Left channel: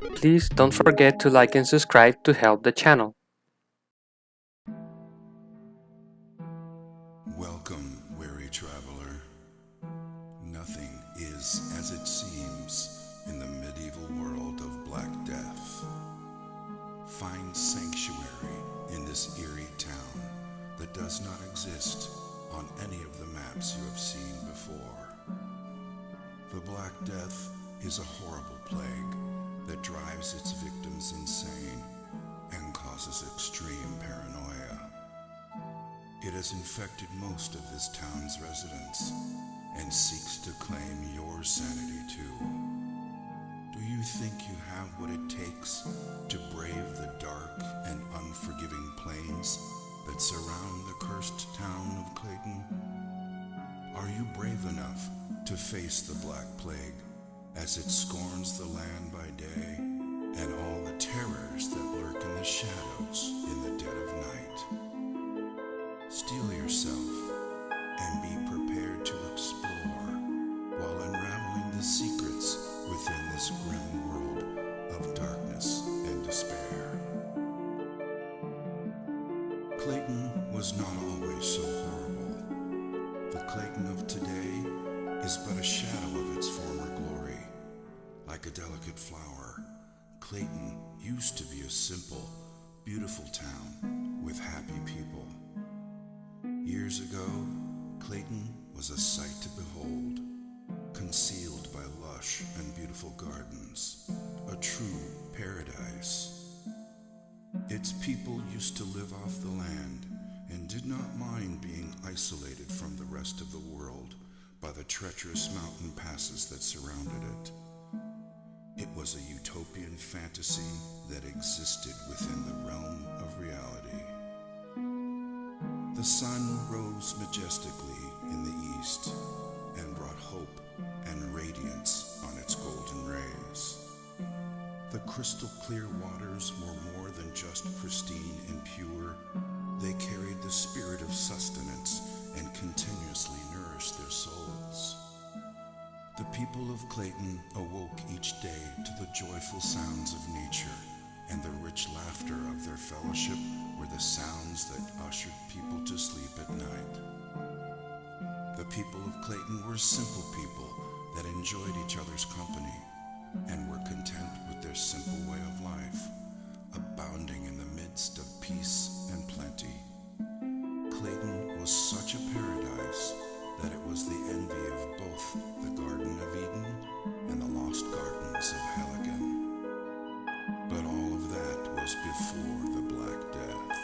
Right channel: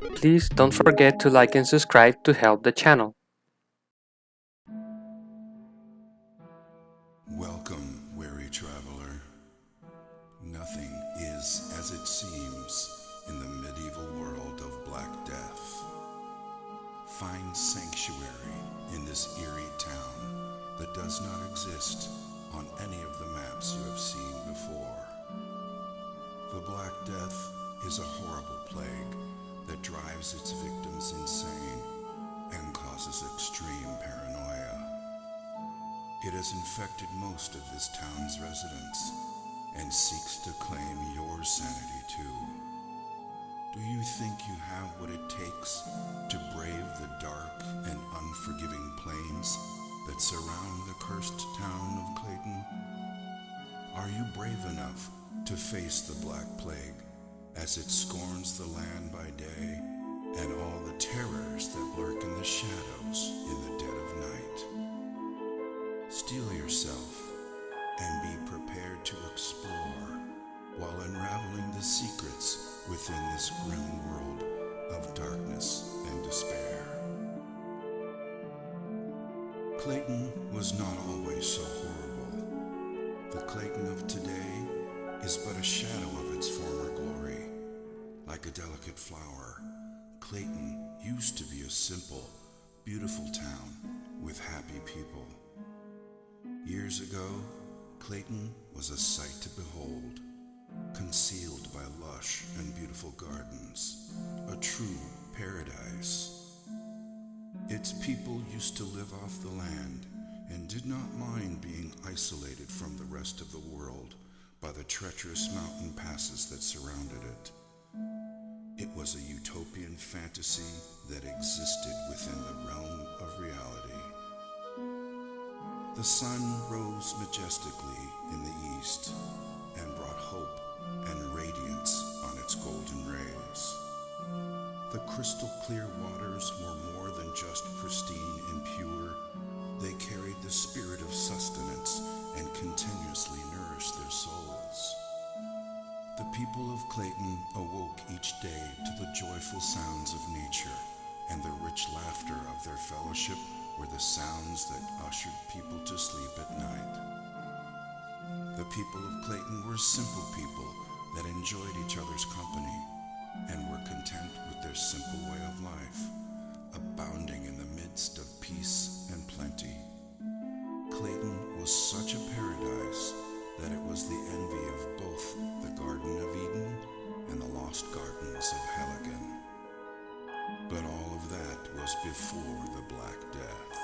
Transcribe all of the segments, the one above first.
Please don't forget to like and subscribe to help the channel. Welcome, weary traveler. Nothing is as it seems in the medieval world of Black Death. Find sanctuary in this eerie town that does not exist on any of the maps you have seen before. The Black Death is a horrible plague that drives its victims insane and causes extreme paranoia. It has infected most of this town's residents and seeks to claim your sanity too. Do you think you have what it takes to brave the dark and unforgiving plains that surround the cursed town of Clayton? Are you brave enough to face the Black Plague as it scorns the land by day and all the terrors that lurk in the shadows in the dead of night? Steel yourself and be prepared to explore while unraveling the secrets within this grim world of darkness and despair. Clayton was not always so horrible. The Clayton of today is but a shadow of its former glory. Like a delicate flower, Clayton used to be a simple, beautiful town with happy people. Years ago, Clayton was a sight to behold, concealed by lush and beautiful gardens, a true paradise. Its people used to live off the land and did not mind being isolated from the rest of the world by the treacherous mountain passes that surrounded it. It was a utopian fantasy that existed within the realm of reality. The sun rose majestically in the east and brought hope and radiance on its golden rays. The crystal clear waters were more than just pristine and pure. They carried the spirit of sustenance and continuously nourished their souls. The people of Clayton awoke each day to the joyful sounds of nature, and the rich laughter of their fellowship were the sounds that ushered people to sleep at night. The people of Clayton were simple people that enjoyed each other's company and were content with their simple way of life, abounding in the midst of peace and plenty. Clayton was such a paradise that it was the envy of both the Garden of Eden and the lost gardens of Helligan. But all of that was before the Black Death.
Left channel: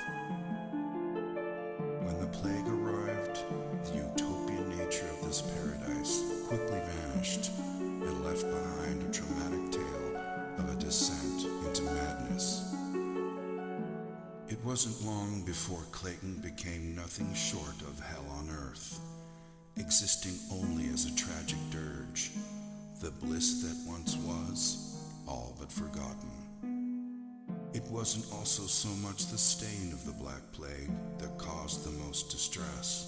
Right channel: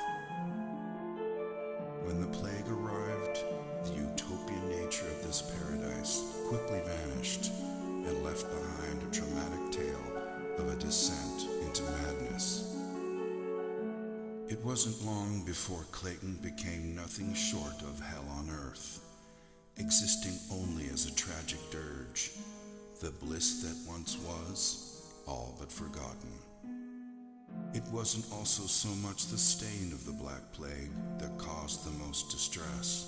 When the plague arrived, the utopian nature of this paradise quickly vanished and left behind a traumatic tale of a descent into madness. It wasn't long before Clayton became nothing short of hell on earth, existing only as a tragic dirge, the bliss that once was, all but forgotten. It wasn't also so much the stain of the Black Plague that caused the most distress,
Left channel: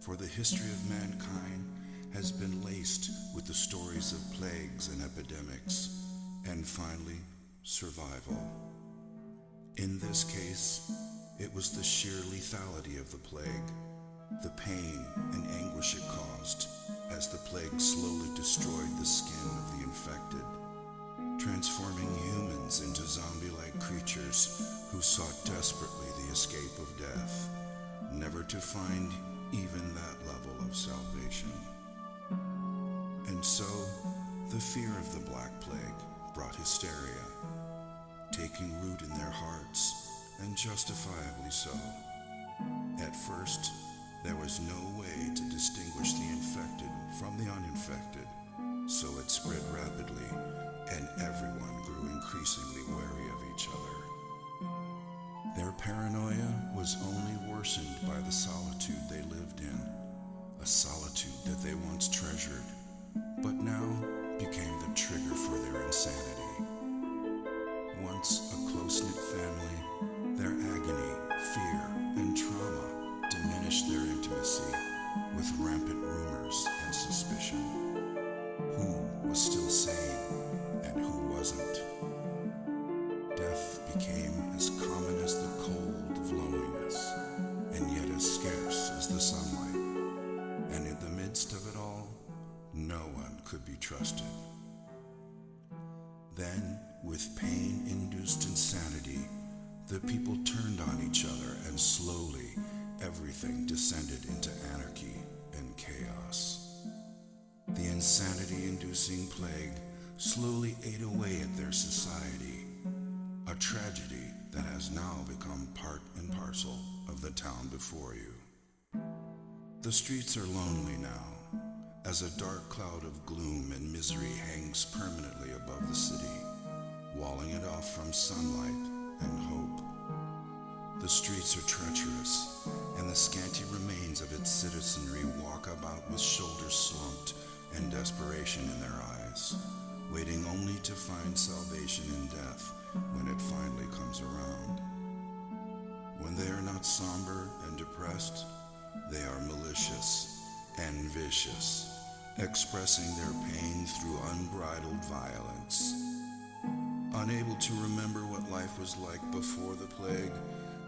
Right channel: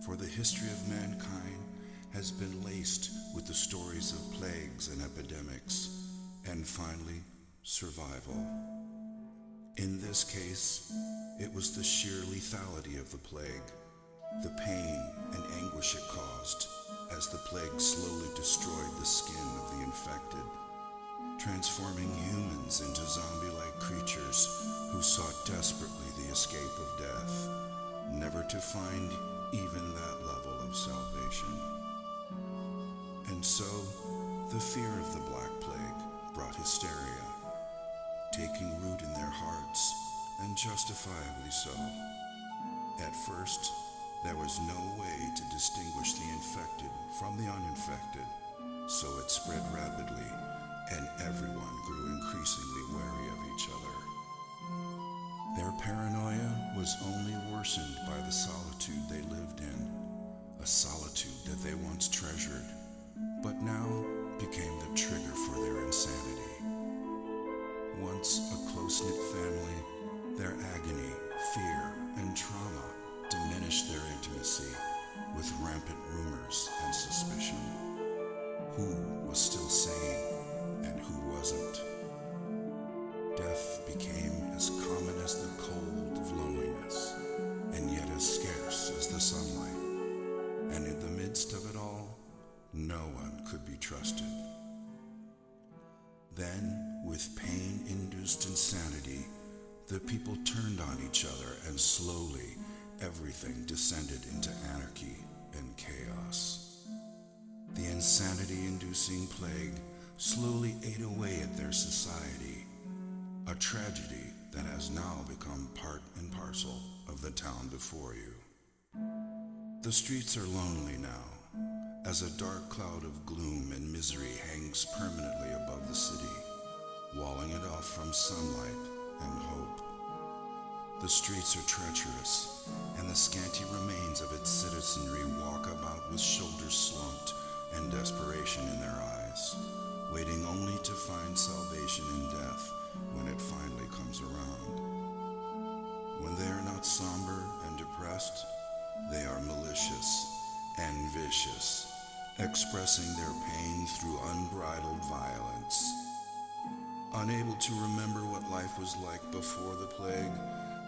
for the history of mankind has been laced with the stories of plagues and epidemics, and finally, survival. In this case, it was the sheer lethality of the plague, the pain and anguish it caused as the plague slowly destroyed the skin of the infected, transforming humans into zombie-like creatures who sought desperately the escape of death, never to find even that level of salvation. And so, the fear of the Black Plague brought hysteria, taking root in their hearts, and justifiably so. At first, there was no way to distinguish the infected from the uninfected, so it spread rapidly, and everyone grew increasingly wary of each other. Their paranoia was only worsened by the solitude they lived in, a solitude that they once treasured, but now became the trigger for their insanity. Once a close-knit family, their agony, fear, and trauma diminished their intimacy with rampant rumors and suspicion. Who was still sane and who wasn't? midst of it all, no one could be trusted. Then, with pain-induced insanity, the people turned on each other, and slowly everything descended into anarchy and chaos. The insanity-inducing plague slowly ate away at their society, a tragedy that has now become part and parcel of the town before you. The streets are lonely now, as a dark cloud of gloom and misery hangs permanently above the city, walling it off from sunlight and hope. The streets are treacherous, and the scanty remains of its citizenry walk about with shoulders slumped and desperation in their eyes, waiting only to find salvation in death when it finally comes around. When they are not somber and depressed, they are malicious and vicious, expressing their pain through unbridled violence. Unable to remember what life was like before the plague,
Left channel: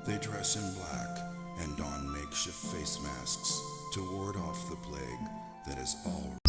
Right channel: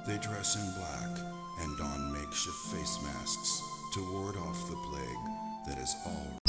they dress in black and don makeshift face masks to ward off the plague that is already